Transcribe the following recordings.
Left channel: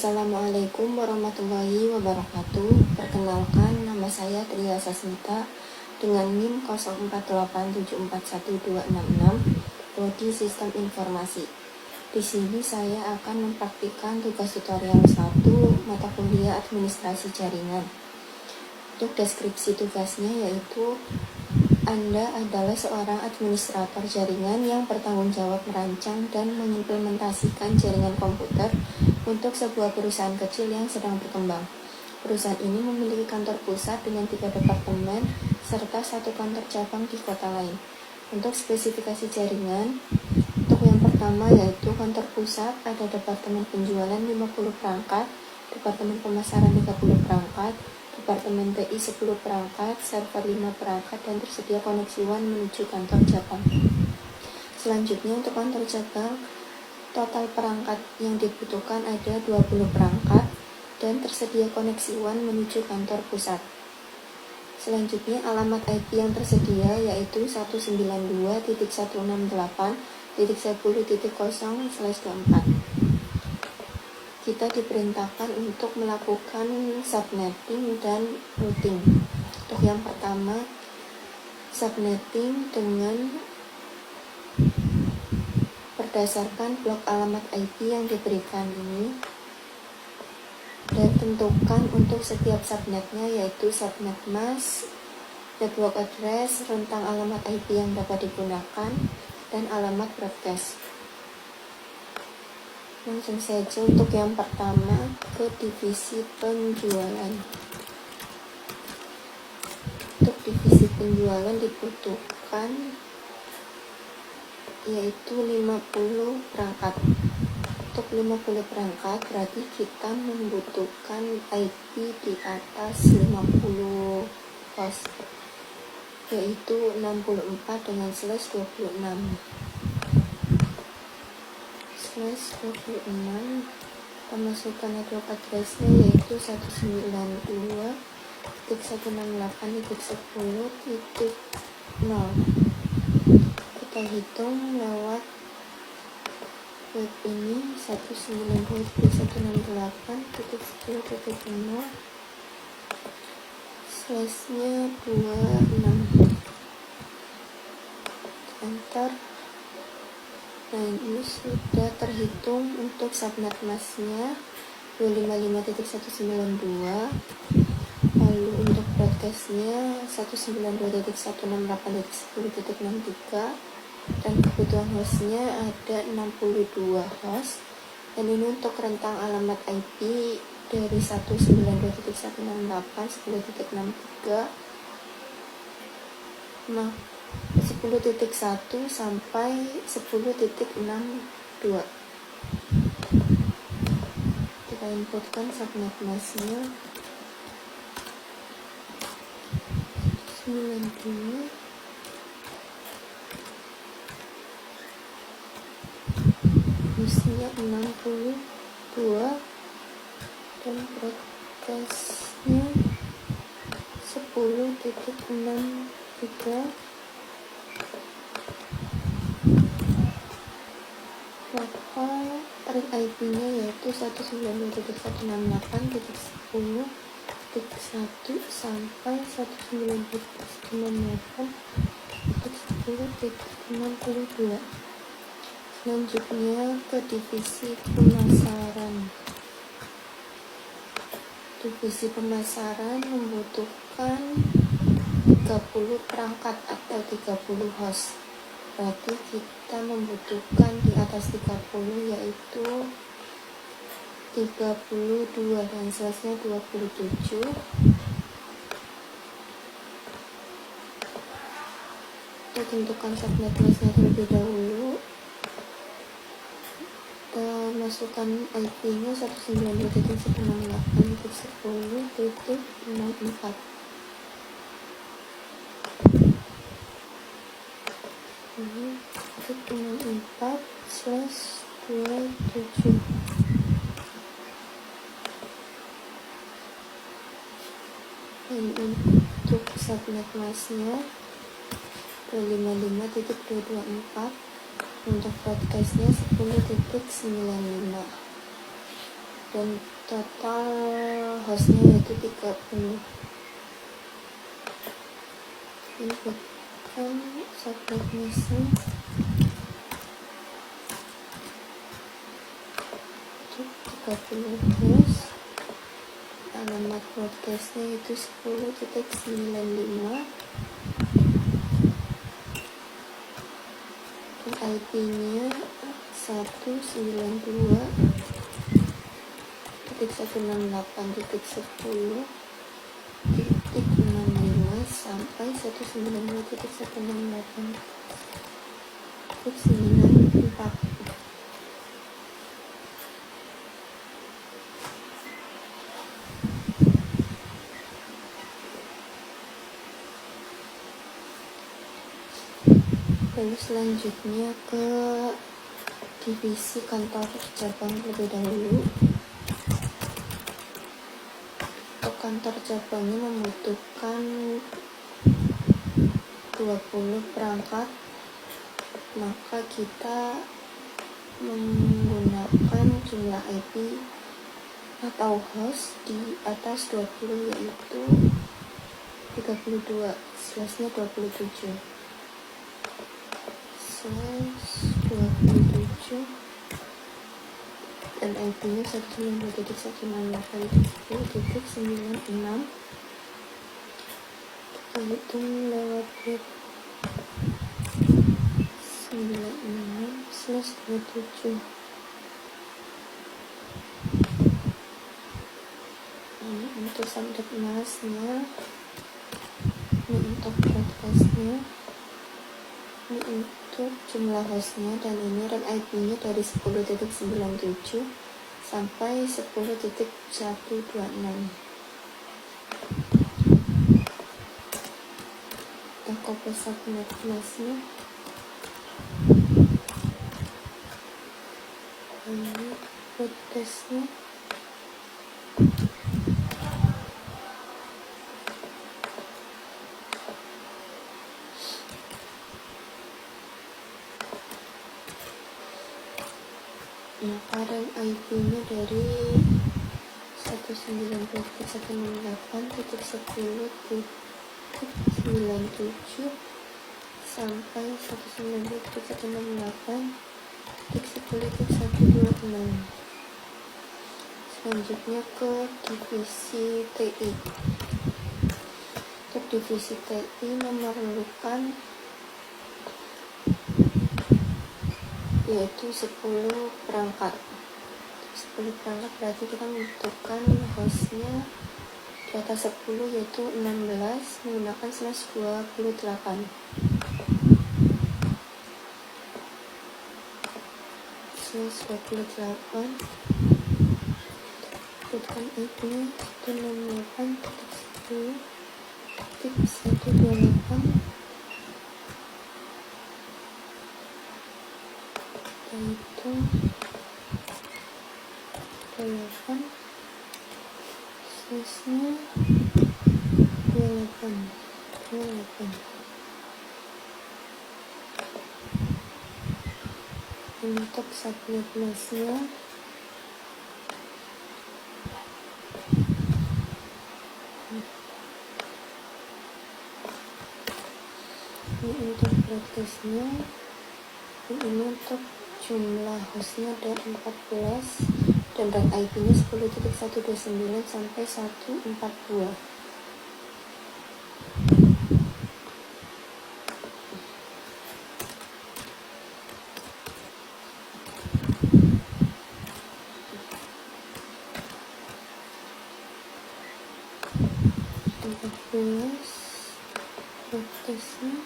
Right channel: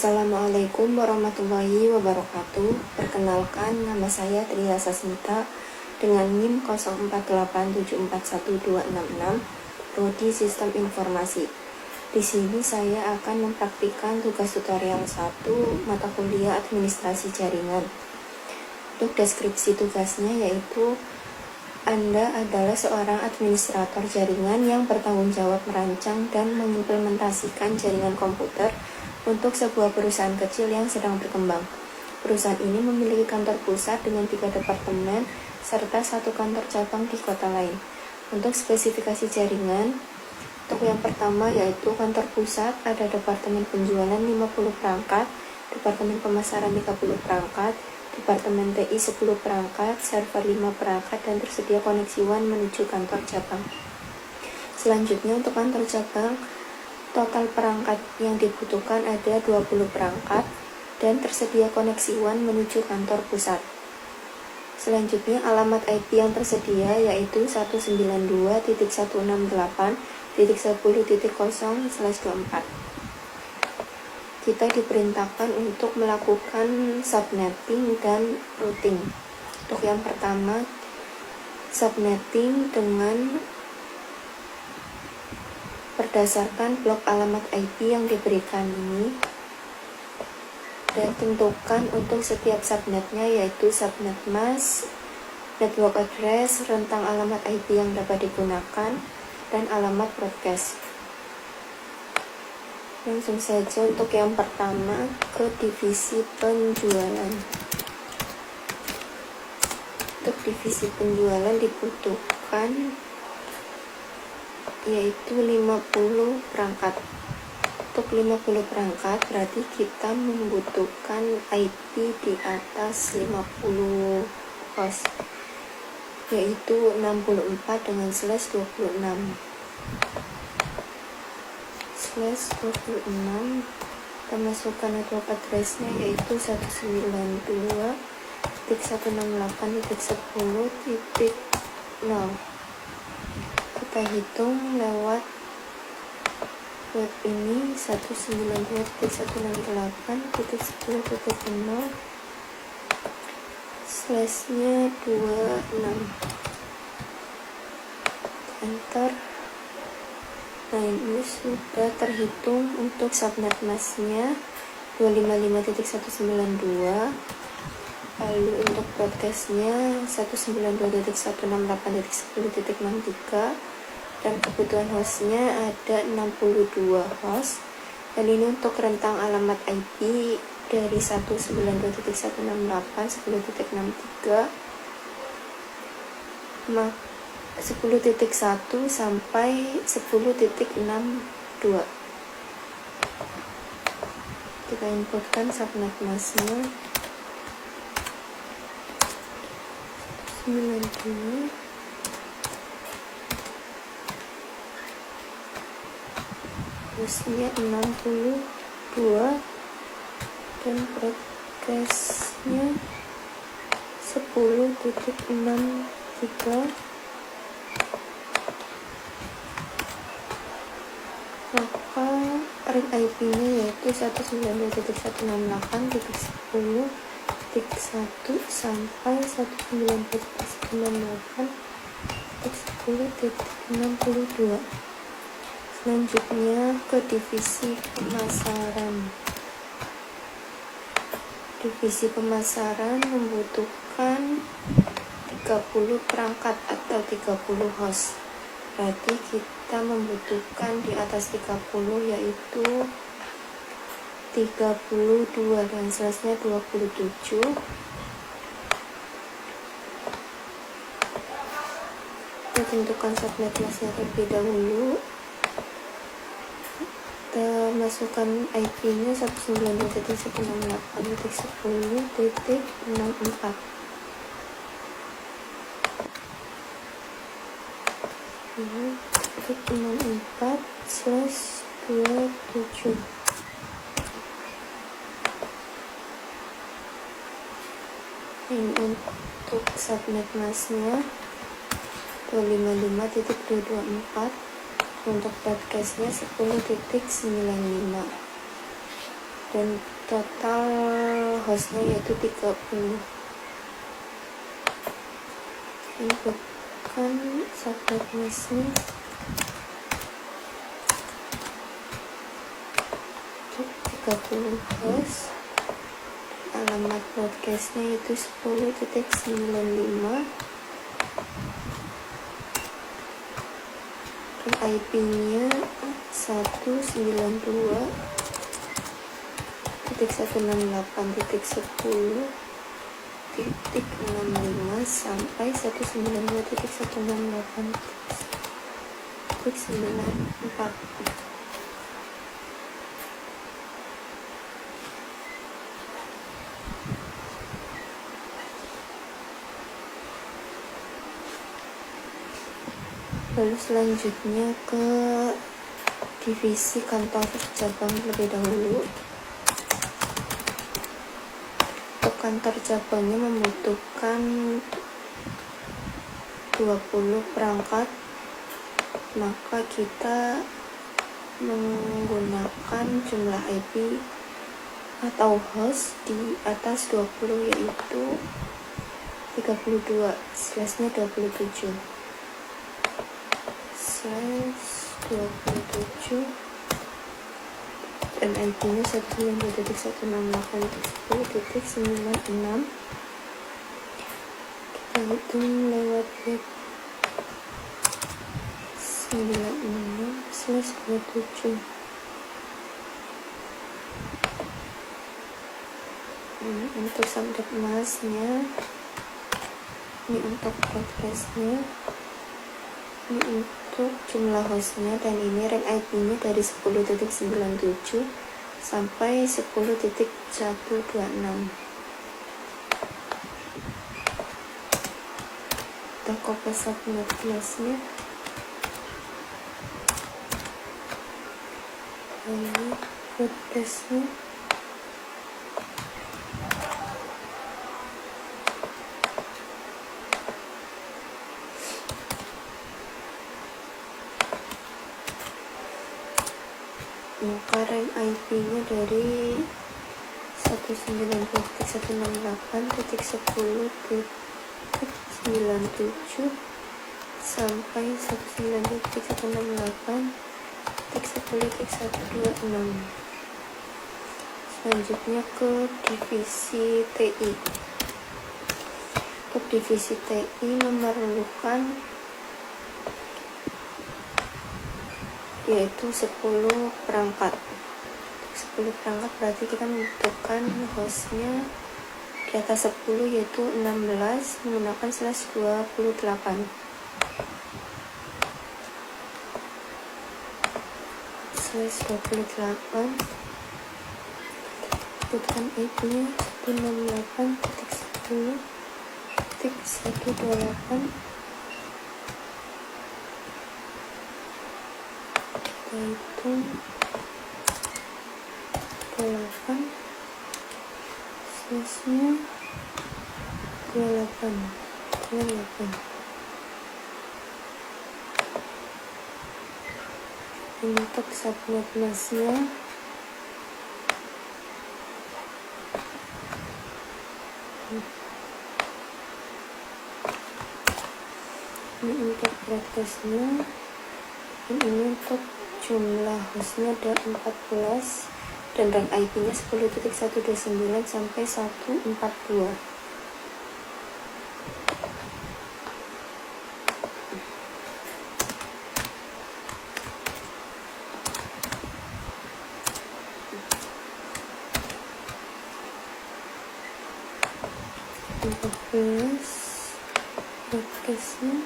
Assalamualaikum warahmatullahi wabarakatuh. Perkenalkan, nama saya Tria Sasmita dengan NIM 0487412666, Prodi Sistem Informasi. Di sini saya akan mempraktikkan tugas tutorial 1 mata kuliah Administrasi Jaringan. Untuk deskripsi tugasnya yaitu Anda adalah seorang administrator jaringan yang bertanggung jawab merancang dan mengimplementasikan jaringan komputer untuk sebuah perusahaan kecil yang sedang berkembang. Perusahaan ini memiliki kantor pusat dengan 3 departemen serta 1 kantor cabang di kota lain. Untuk spesifikasi jaringan, untuk yang pertama yaitu kantor pusat ada departemen penjualan 50 perangkat, departemen pemasaran 30 perangkat, departemen TI 10 perangkat, server 5 perangkat, dan tersedia koneksi WAN menuju kantor cabang. Selanjutnya untuk kantor cabang, total perangkat yang dibutuhkan ada 20 perangkat dan tersedia koneksi WAN menuju kantor pusat. Selanjutnya alamat IP yang tersedia yaitu 192.168.10.0/24. Kita diperintahkan untuk melakukan subnetting dan routing. Untuk yang pertama, subnetting dengan berdasarkan blok alamat IP yang diberikan ini, dan tentukan untuk setiap subnetnya yaitu subnet mask, network address, rentang alamat IP yang dapat digunakan, dan alamat broadcast. Langsung saja untuk yang pertama ke divisi penjualan. Untuk divisi penjualan dibutuhkan yaitu 50 perangkat. Untuk 50 perangkat berarti kita membutuhkan IP di atas 50 host, yaitu 64 dengan /26. /26 kita masukkan network address-nya yaitu 192.168.10.0. kita hitung lewat web ini 192.168.10.0 /nya 26, enter. Nah, ini sudah terhitung untuk subnet masknya 255.192, lalu untuk broadcastnya 192.168.10.63, dan kebutuhan hostnya ada 62 host. Dan ini untuk rentang alamat IP dari 192.168.10.63 10.1 sampai 10.62. Kita inputkan subnet masknya 92, hostnya 62, dan broadcastnya 10.63. maka ring IP-nya yaitu 192.168.10.1 sampai 192.168.10.62. Selanjutnya ke divisi pemasaran. Divisi pemasaran membutuhkan 30 perangkat atau 30 host. Berarti kita membutuhkan di atas 30 yaitu 32 dan /nya 27. Kita tentukan subnet masknya terlebih dahulu. Kita masukkan IP-nya 192.168.10.64. 64/27. Ini untuk subnet masknya 255.224, untuk broadcastnya 10.95. dan total hostnya yaitu 30. Inputkan subnet masknya untuk 30 host. Alamat broadcastnya yaitu 10.95 dan IP-nya 192.168.10.65 sampai 192.168.94. Lalu selanjutnya ke divisi kantor cabang terlebih dahulu. Untuk kantor cabangnya membutuhkan 20 perangkat, maka kita menggunakan jumlah IP atau host di atas 20 yaitu 32 /27 dan IP-nya 192.168.10.96. Kita hitung lewat bit 96/27. Untuk subnet masknya, ini untuk broadcastnya, ini untuk jumlah hostnya, dan ini rank IP-nya dari 10.97 sampai 10.126. Kita copy subnet masknya, ini broadcastnya, maka rank IP-nya dari 192.168.10.97 sampai 192.168.10.126. Selanjutnya ke divisi TI. Untuk divisi TI memerlukan yaitu 10 perangkat. Untuk 10 perangkat berarti kita membutuhkan hostnya di atas 10 yaitu 16 menggunakan /28 sebutkan IP-nya 168.10.128. Kita hitung 8 /nya 28. Untuk subnet masknya, ini untuk broadcastnya, dan ini untuk jumlah hostnya ada 14 dan rank IP-nya 10.129 sampai 142. Broadcastnya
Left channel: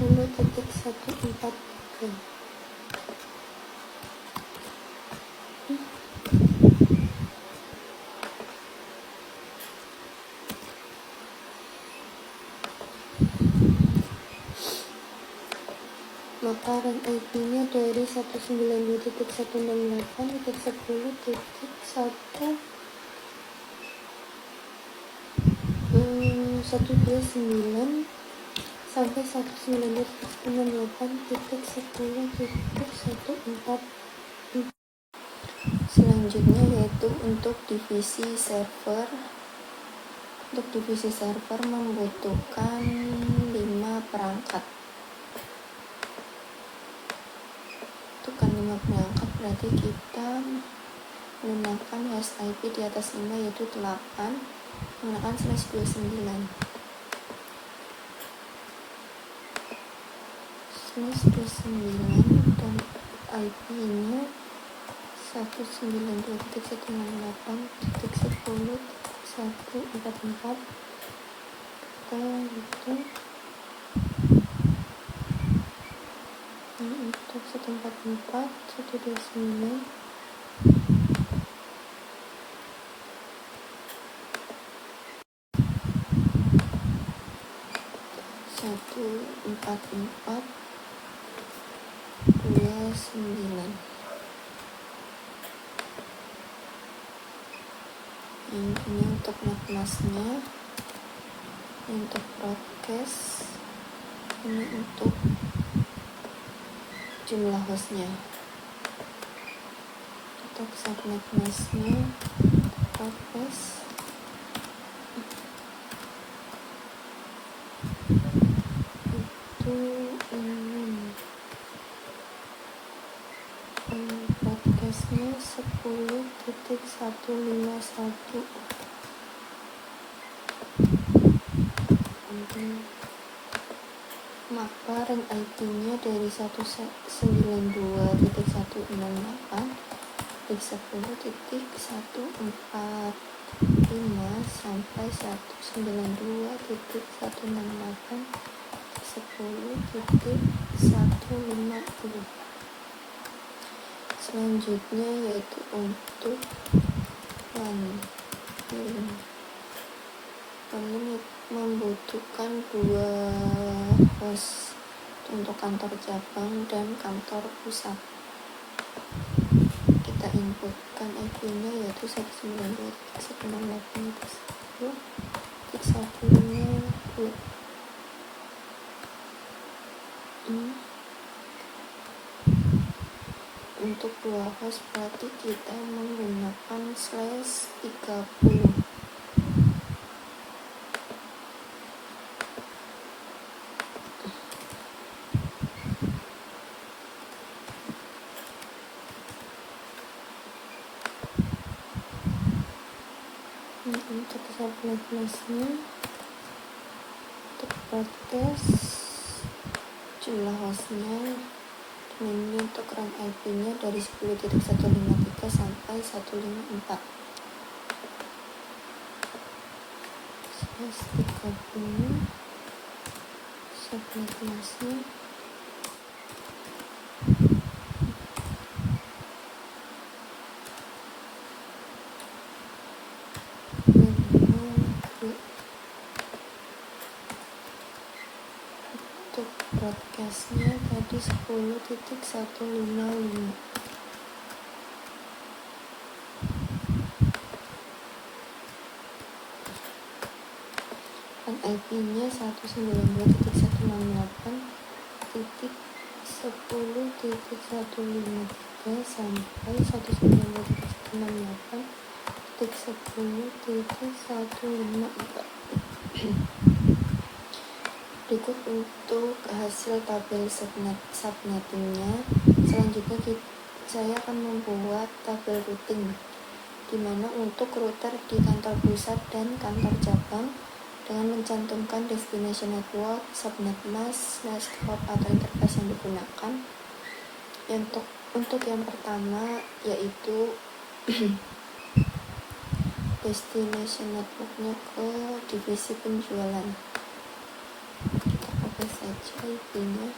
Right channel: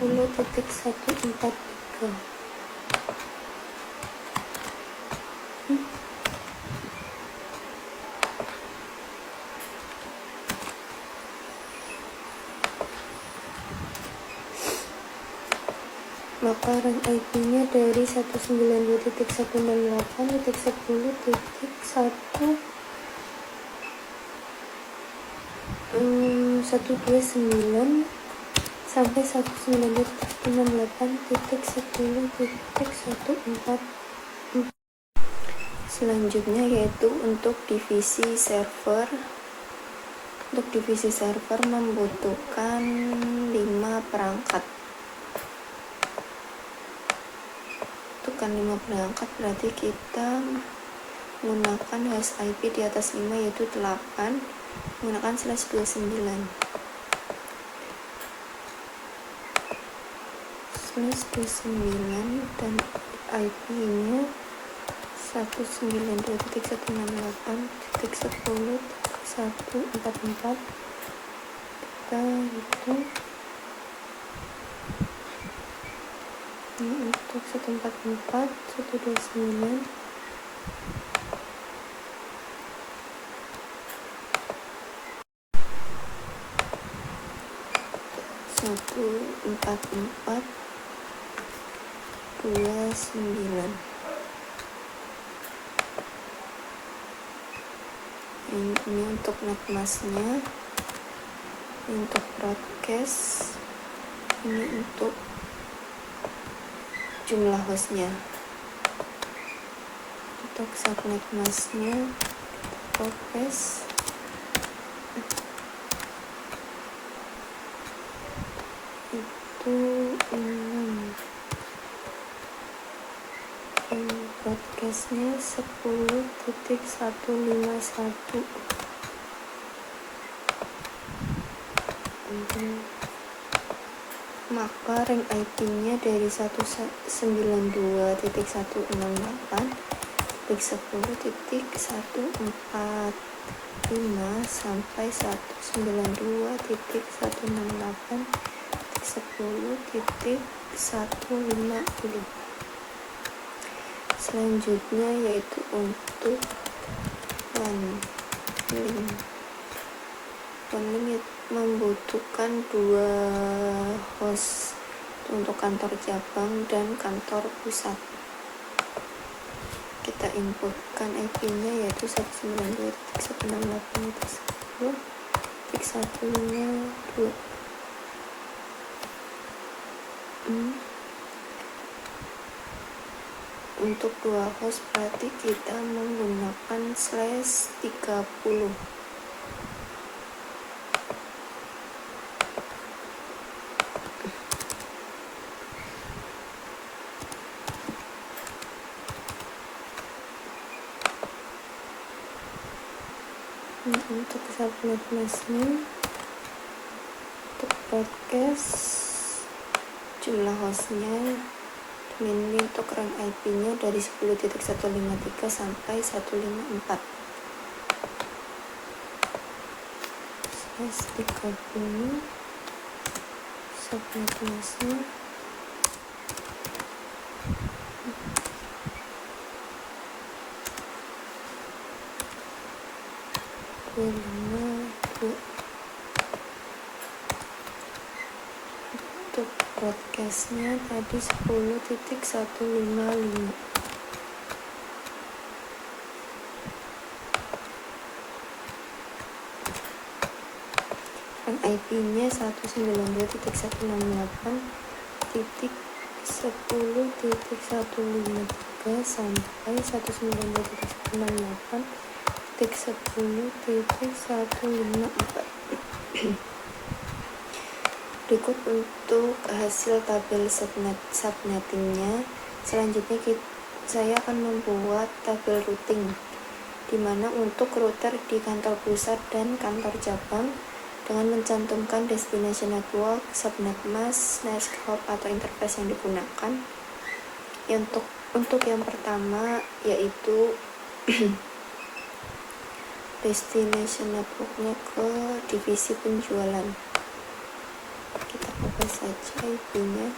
10.143. Maka rank IP-nya dari 192.168.10.129 sampai 192.168.10.144. Selanjutnya yaitu untuk divisi server. Untuk divisi server membutuhkan 5 perangkat. Butuhkan 5 perangkat berarti kita menggunakan host IP di atas 5 yaitu 8 menggunakan /29 dan IP-nya 192.168.10.144. Kita hitung ini untuk 144 129 144 29. Ini untuk netmasknya, untuk broadcast, ini untuk jumlah hostnya. Untuk subnet masknya podcast itu 6, podcastnya 10.151. Maka rank IP-nya dari 192.168.10.145 sampai 192.168.10.150. Selanjutnya yaitu untuk OneLink membutuhkan 2 host untuk kantor cabang dan kantor pusat. Kita inputkan IP-nya yaitu 192.168.10.152. Untuk 2 host berarti kita menggunakan /30. Untuk subnet masknya, untuk broadcast, jumlah hostnya, ini untuk rank IP-nya dari 10.153 sampai 154. /30 subnet masknya. Untuk broadcastnya tadi 10.155. Dan IP-nya 192.168.10.153 sampai 192.168.10.154. Berikut untuk hasil tabel subnettingnya. Selanjutnya saya akan membuat tabel routing, di mana untuk router di kantor pusat dan kantor cabang dengan mencantumkan destination network, subnet mask, scope atau interface yang digunakan. Untuk yang pertama yaitu destination networknya ke divisi penjualan. Kita coba saja IP-nya.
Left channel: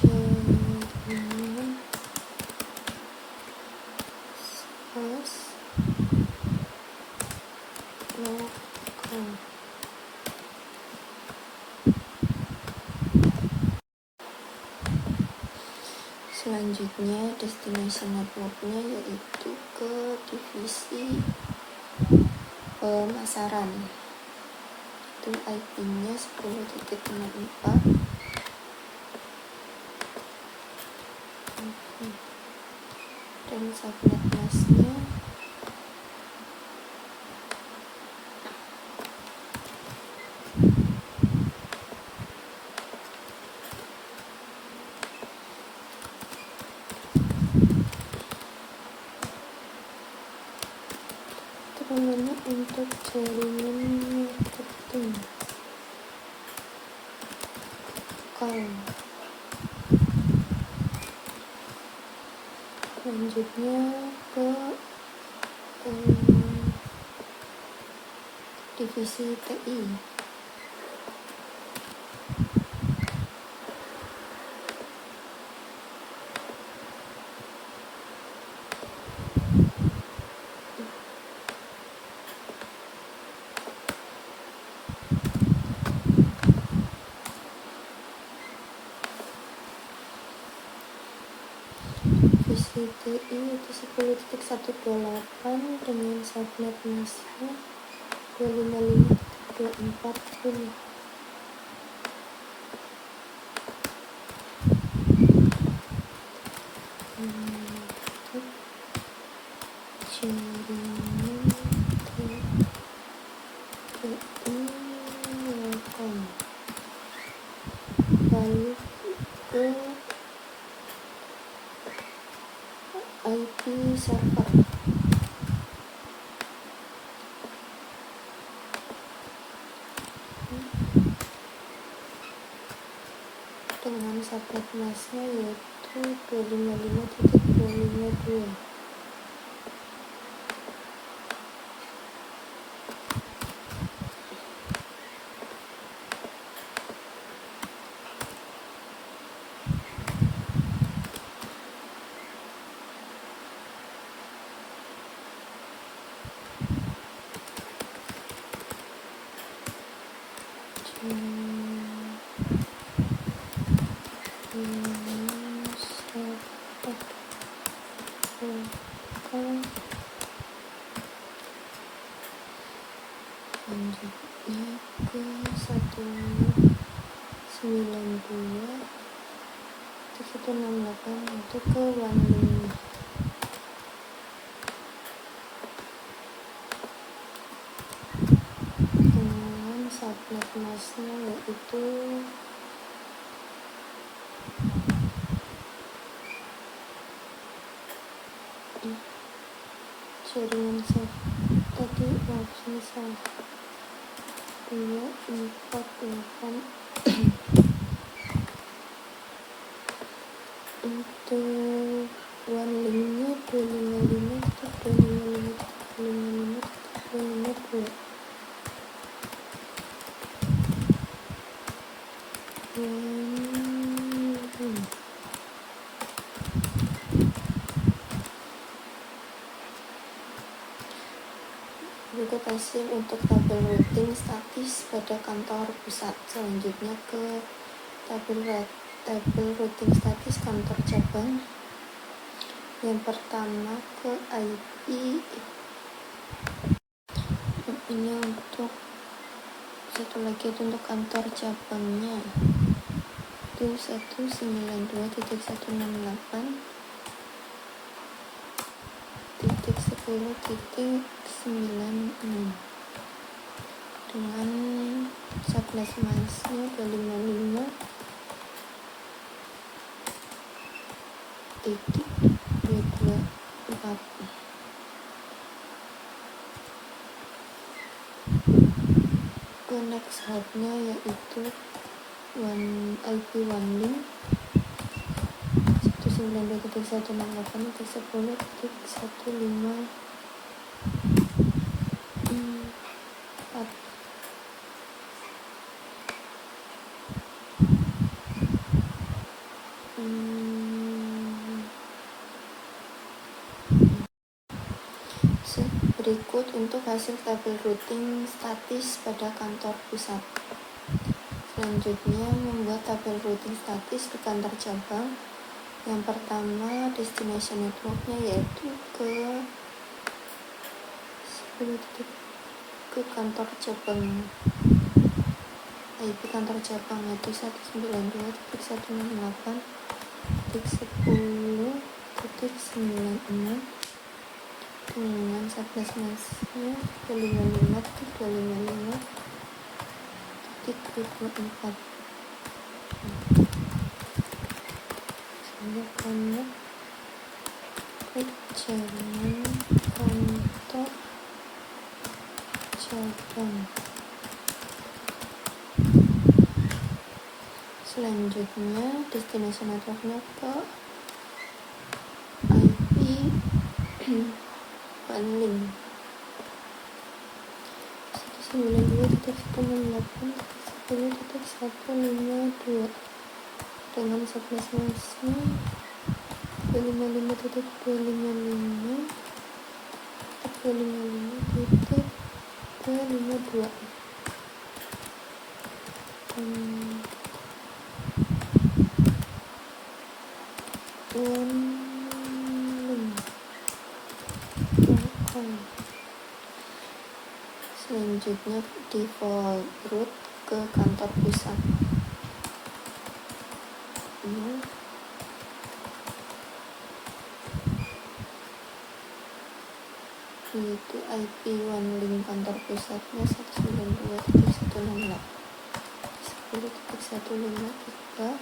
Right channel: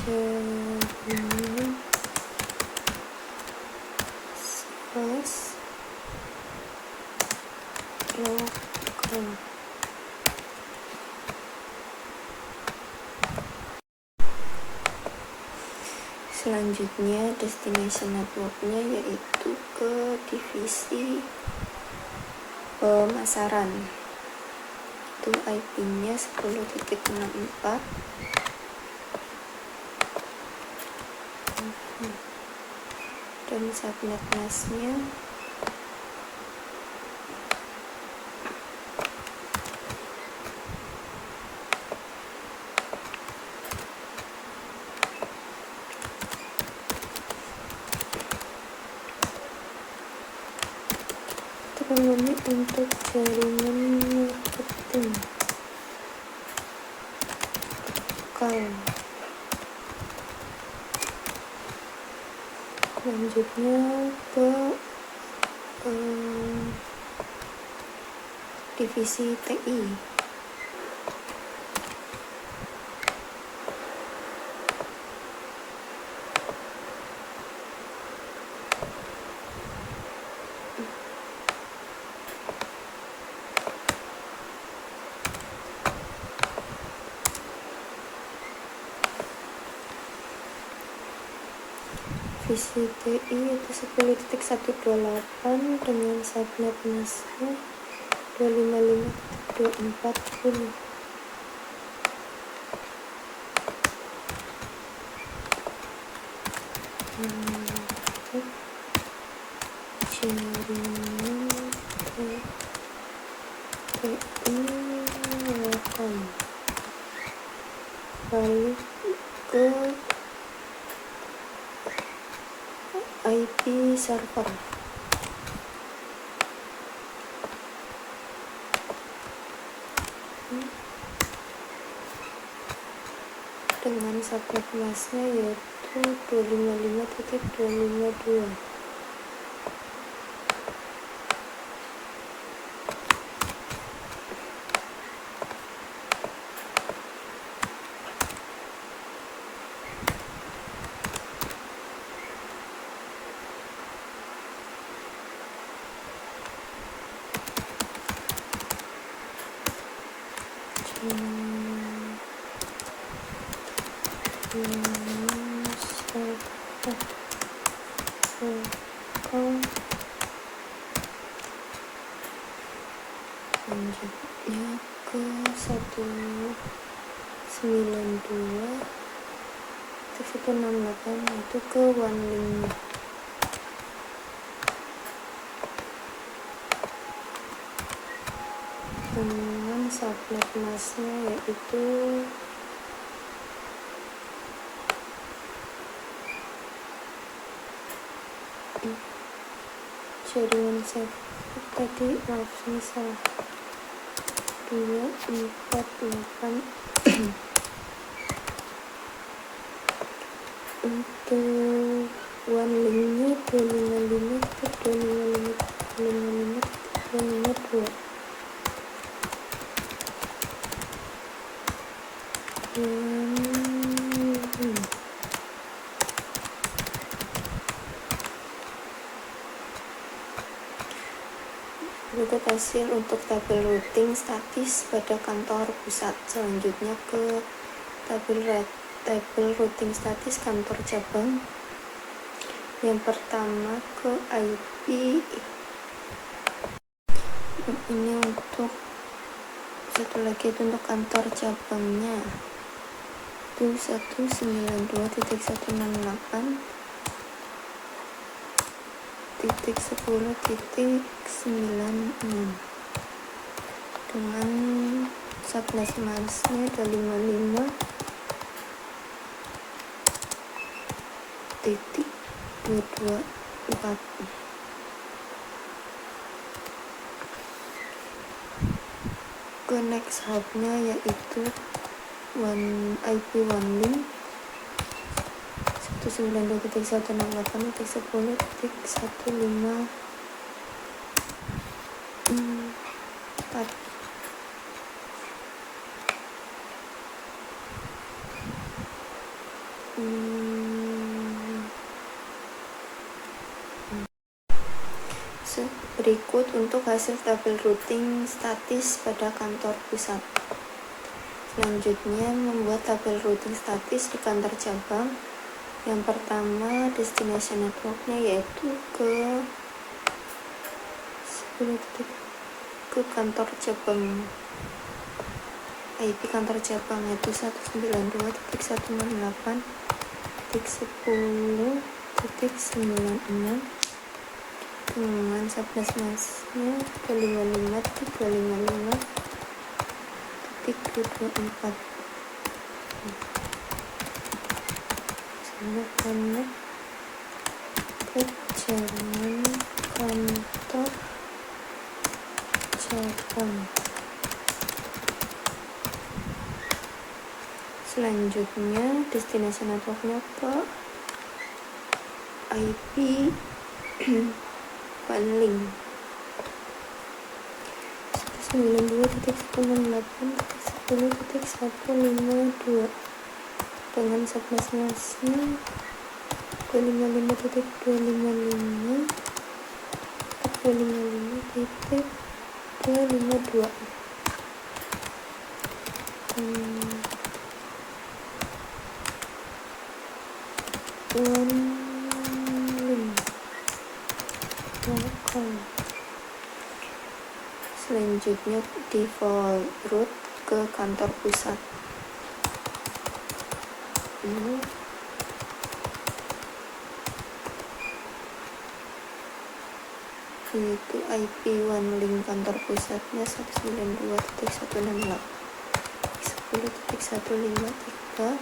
Jaringan lokal. Selanjutnya destination networknya yaitu ke divisi pemasaran. Itu IP-nya 10.64 dan subnet mask-nya namanya untuk jaringan marketing lokal. Selanjutnya ke divisi TI. Divisi TI itu 10.128 dengan subnet masknya 255.240. Jaringan TI lokal. Lalu ke IP server. Dengan subnet masknya yaitu 255.252. Selanjutnya ke 192.168 itu ke OneLink. Dengan subnet masknya yaitu jaringan tadi salah 248 untuk OneLink-nya 255 berikut hasil untuk tabel routing statis pada kantor pusat. Selanjutnya ke tabel routing statis kantor cabang. Yang pertama ke IP. Ini untuk satu lagi itu untuk kantor cabangnya itu 192.168.10.96 dengan subnet masknya ada 55.224. Ke next hub-nya yaitu IP OneLink 192.168.10.15.4. Berikut untuk hasil tabel routing statis pada kantor pusat. Selanjutnya, membuat tabel routing statis di kantor cabang. Yang pertama, destination networknya yaitu ke kantor cabang. IP kantor cabang yaitu 192.168.10.96 dengan subnet masknya 255.255.224. Karena ke jalan kantor cabang. Selanjutnya destination networknya ke IP OneLink 192.168.10.152 dengan subnet masknya 255.255.252. OneLink lokal. Selanjutnya default route ke kantor pusat. Yaitu IP OneLink kantor pusatnya 192.168.10.153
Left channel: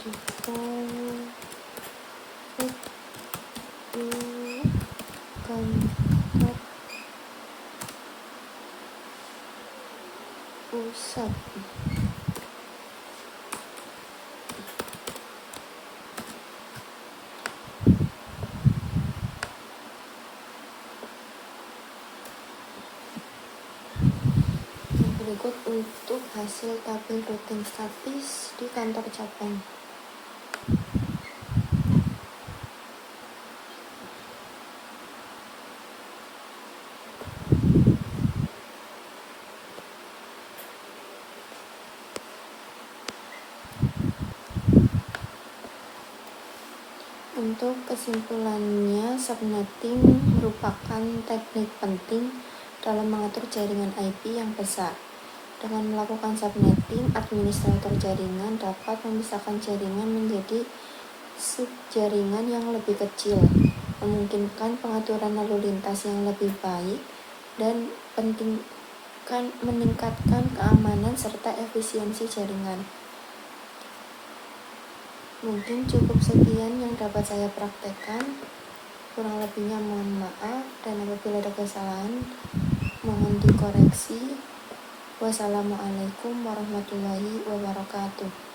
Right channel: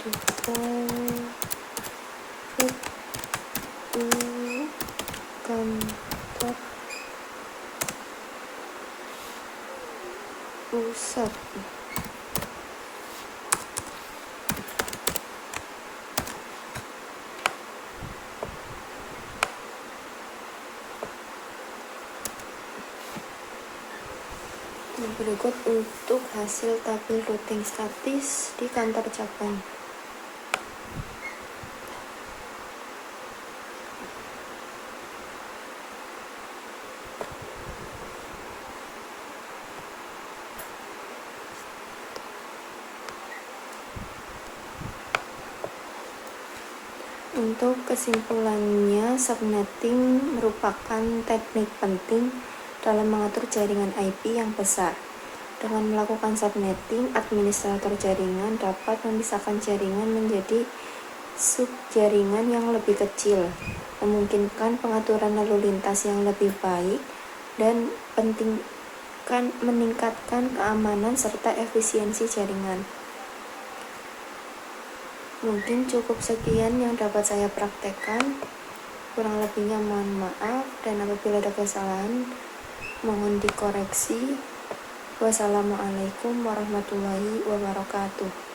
default route kantor pusat. Berikut untuk hasil tabel routing statis di kantor cabang. Untuk kesimpulannya, subnetting merupakan teknik penting dalam mengatur jaringan IP yang besar. Dengan melakukan subnetting, administrator jaringan dapat memisahkan jaringan menjadi subjaringan yang lebih kecil, memungkinkan pengaturan lalu lintas yang lebih baik, dan meningkatkan keamanan serta efisiensi jaringan. Mungkin cukup sekian yang dapat saya praktekkan. Kurang lebihnya mohon maaf, dan apabila ada kesalahan mohon dikoreksi. Wassalamualaikum warahmatullahi wabarakatuh.